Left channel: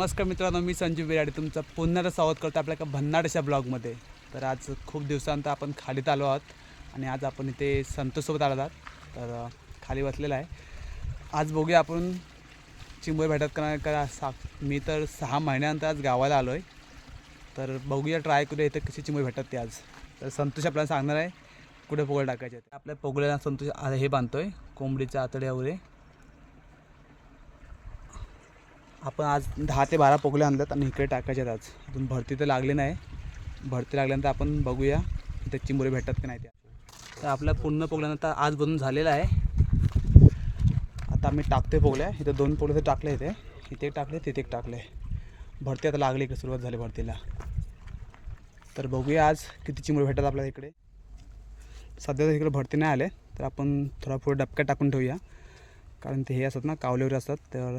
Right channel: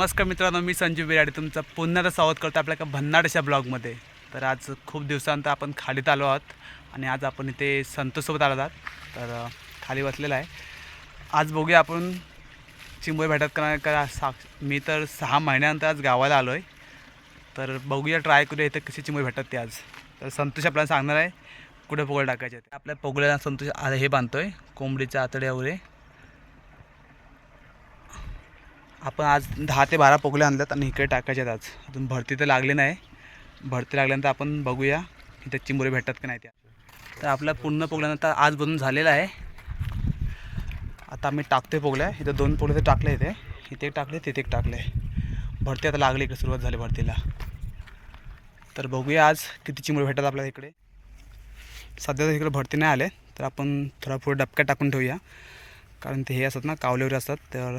नमस्कार मित्रांनो मी संजीव बिराडे. तुमचं पुन्हा एकदा स्वागत करतो आपल्या एका भन्नाट ब्लॉगमध्ये. तर आज खूप दिवसांत आपण खालीत आलो आहोत आणि आज आपण इथे संतोषसोबत आलो आहात. तर खाली बसलेला आहे. आज बघूया आपण चिंबोरी भेटत का का सा मी तर सहा महिन्यानंतर आज गावाला आलो आहे तर बघूया ट्राय करूया इथं कशी चिंबोरी भेटतात ते आज. तर संतोष आपल्याला सांगणार आहे कुठे पोगळ टाकायचे आपल्या पोगळ्याला संतोष आ- हे आहे कोंबडीच्या आतड्या वगैरे आपण आज दहा ते बारा पोगले आणल्यात आणि इकडे टाकायचे आहेत आज. अजून भरती तर लागली नाही. भरती लागल्यानंतर आपण बघूया इथे चिंबोरी भेटतात की नाही त्या. तर आपल्या पूर्ण पोगल्यानंतर आज बनून झालेला आहे. आता आम्ही टाकतोय पोगल्या इथं दोन पोगले तर टाकले इथे. इथे एक टाकले तिथे एक टाकले. भरती आता लागली इकडे सुरुवात झाली भरतीला. तर बघूया आज किती चिंबोरी भेटतात आपल्याला इकडे. सध्या तर इकडे भरती नाही आले. तर आपण थोडा पुढे डबक्यात टाकून ठेवूया. कारण ते हे असतात ना कावले वगैरे असतात. तर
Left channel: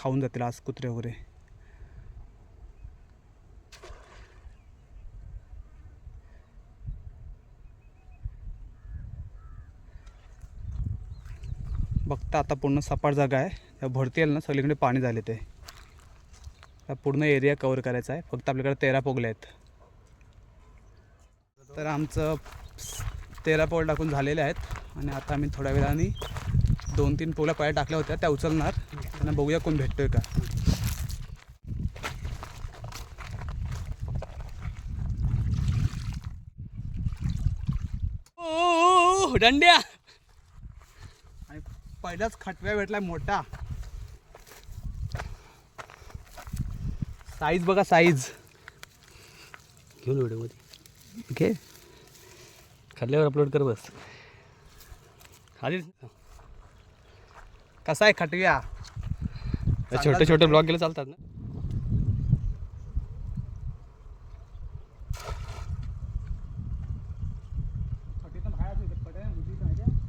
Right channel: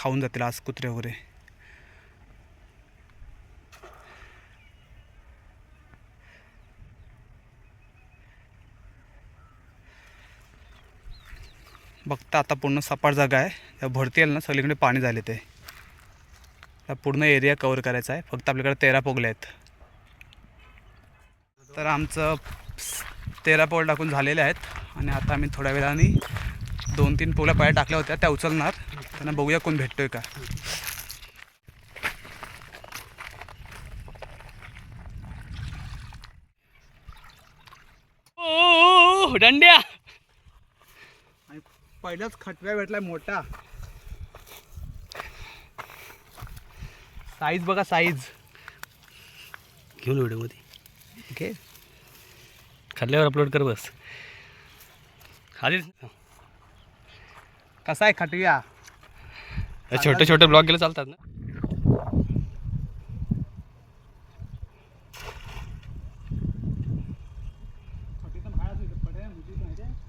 खाऊन जातील आज कुत्रे वगैरे. बघता आता पूर्ण सपाट जागा आहे. त्या भरती येईल ना सगळीकडे पाणी झाले ते. पूर्ण एरिया कवर करायचा आहे. फक्त आपल्याकडे तेरा पोगले आहेत. तर आमचं तेरा पोळ टाकून झालेले आहेत. आणि आता आम्ही थोड्या वेळाने दोन तीन पोळ्या पाया टाकल्या होत्या. त्या उचलणार. त्यांना बघूया कोण भेटतोय का. ओ दंड्या. आणि पहिलाच खटव्या भेटला मोठा. साईज बघा साईज घेऊन व्हिडिओमध्ये. ओके. खाल्ल्यावर अपलोड कर बस. आधीच कसा आहे खटव्या? छोटे छोटे ब्लॉग गेले चालतात ना?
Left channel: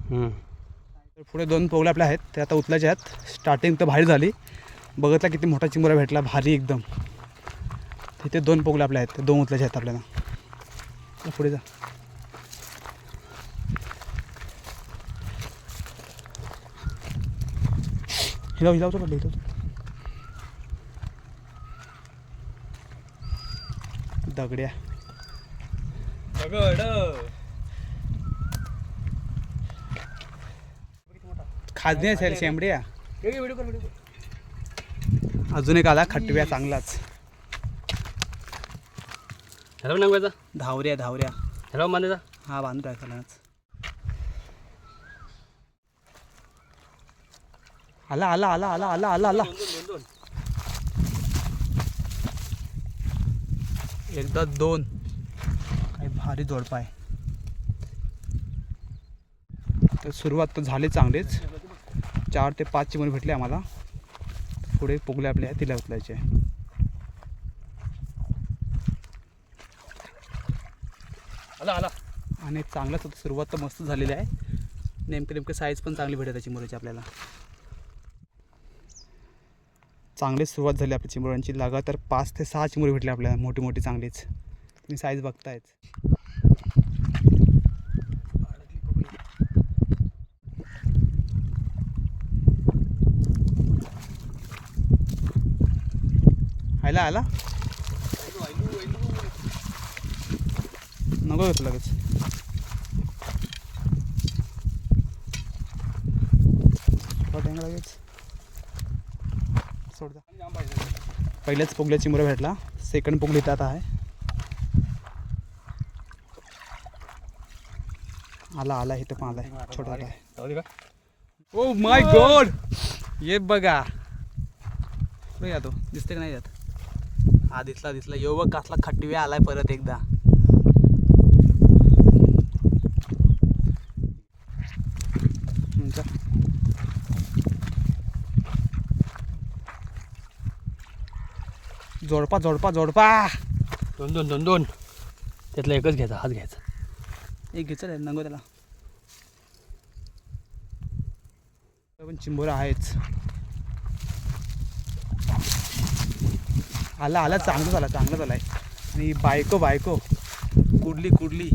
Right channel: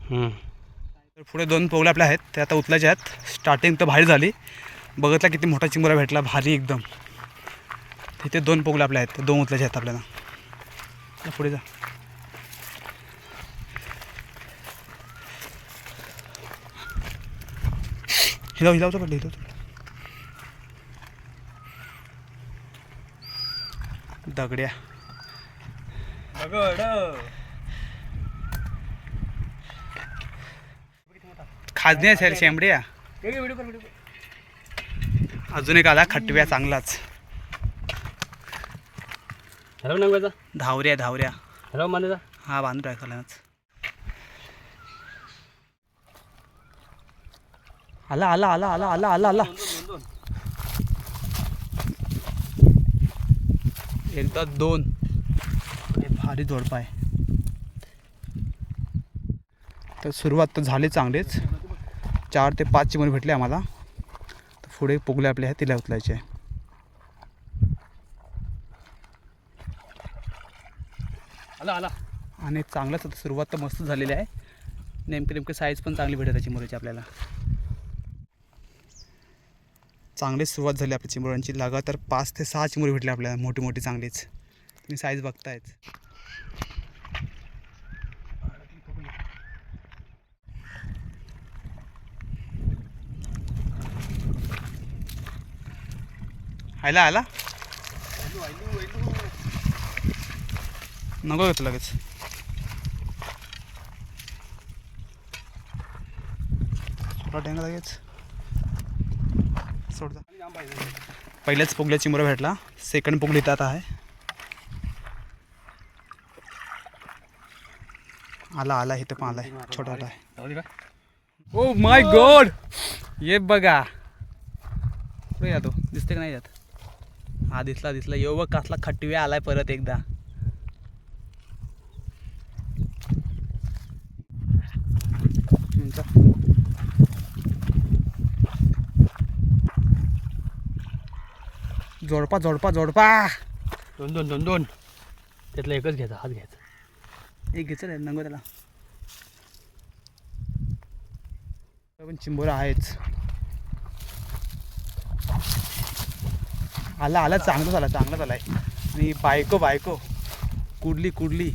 हम्म. तर पुढे दोन पोगले आपल्या आहेत ते आता उचलायचे आहेत. स्टार्टिंग तर भारी झाली. बघितला किती मोठा चिंबोरा भेटला भारी एकदम. तिथे दोन पोगले आपले आहेत ते दोन उचलायचे आहेत आपल्याला. या पुढे जा. हिलाव हिलावतो पडलं हिलावतो दगड्या. खाजणी असेल शेंबड्या. अजून एक आला खटव्या चांगलाच. हॅलो नांगायचा धावऱ्या धावऱ्या. हॅलो मानेचा. हा बांधून टाकलाच आला आला आला आला आला आला आला. एकदा दोन. काय भारी जोडपा आहे तर सुरुवात तर झाली चांगलीच. चार ते पाच चिमणी भेटले आम्हाला. पुढे पुगले आपले आहे तिला उचलायचे. आहे आला आला. आणि चांगलंच सुरुवात तर मस्त झालेली आहे. नेमके नेमके साईज पण चांगली भेटत आहे चिमुऱ्याची आपल्याला. चांगलीच सुरुवात झाली आपल्या चिमुरांची लगातार पाच ते सहा चिमुरे भेटले आपल्याला मोठी मोठी चांगलीच. तुम्ही साईज बघतायच आयला आला नको घेतो लगेच. थोडा लगेच. सोड जा. पहिल्याच पोगल्या चिमुरा भेटला. सेकंड पोगली आता आहे. आला आला इथं पण आलाय. छोटा आला आहे ओ माय गॉड ये बघा. या तो? दिसते का नाही यात हा दिसला दिसला. यो बघ कसला खटव्या आलाय परत एकदा. हम्म, जोडपा जोडपा जोडपा. दोन दोन दोन दोन. त्यातला एकच घ्यायचा हाच घ्यायचा. एक घेचल नंगो त्याला. पण चिंबोरा आहेच आला आला चांगलं झाला चांगलं झालाय. आणि बायको बायको. कुडली कुडली.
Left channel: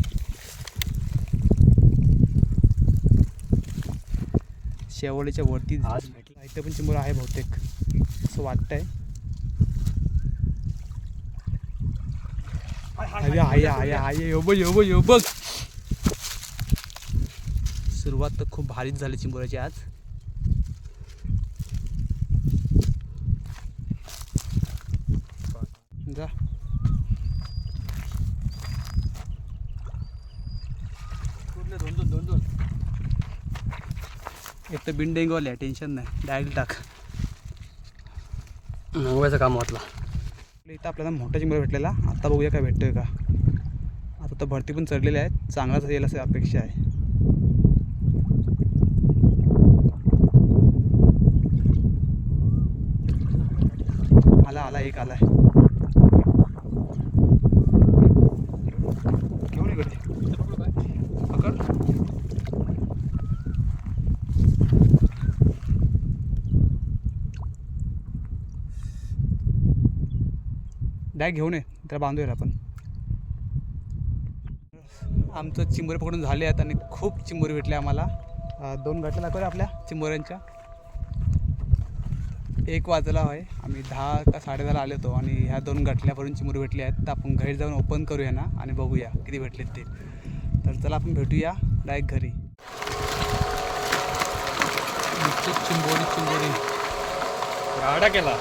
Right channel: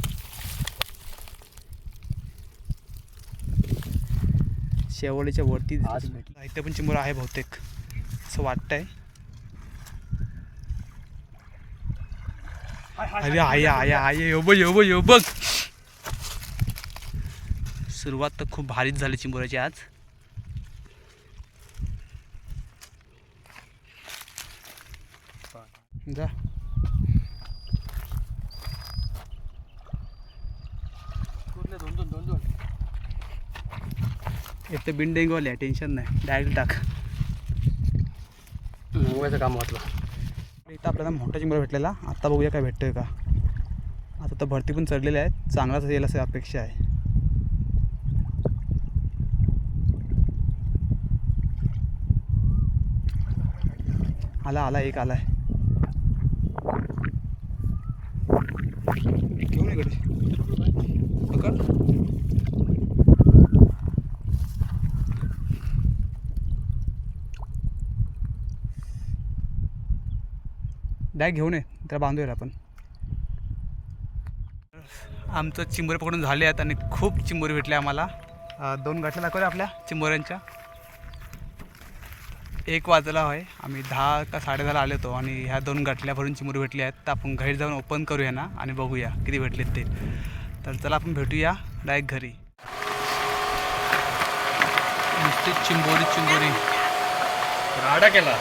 शेवळीच्या वरती पण चिंबोरा आहे बहुतेक असं वाटतंय. अरे आया आया आया यो बघ यो बघ यो बघ सुरुवात तर खूप भारीच झाली चिंबोऱ्याची आज. जा. एक तर बिंडेंगवाले आहे टेन्शन नाही. डायरेक्ट टाक. मुंबईचं काम वाटलं इथं आपल्याला मोठा चिंबोरा भेटलेला. आता बघूया काय भेटतोय का. आता तर भरती पण चढलेली आहे चांगलाच येईल असं अपेक्षा आहे. आला आला एक आला आहे ये घरी. पकड. डाय घेऊन ये त्याला बांधूया आपण. आमचं चिंबोरे पकडून झाले आहेत आणि खूप चिंबोरे भेटले आम्हाला. दोन गाठल्या दाखवल्या आपल्या. चिंबोऱ्यांच्या. एक वाजला आहे आम्ही दहा का साडेदहाला आले होतो आणि ह्या दोन गाठल्या भरून चिंबोरे भेटले आहेत. तर आपण घरी जाऊन ओपन करूया ना आणि बघूया किती भेटलेत ते. तर चला आपण भेटूया डायरेक्ट घरी. नुसते चिंबोरी चिंबोरी. राडा केला.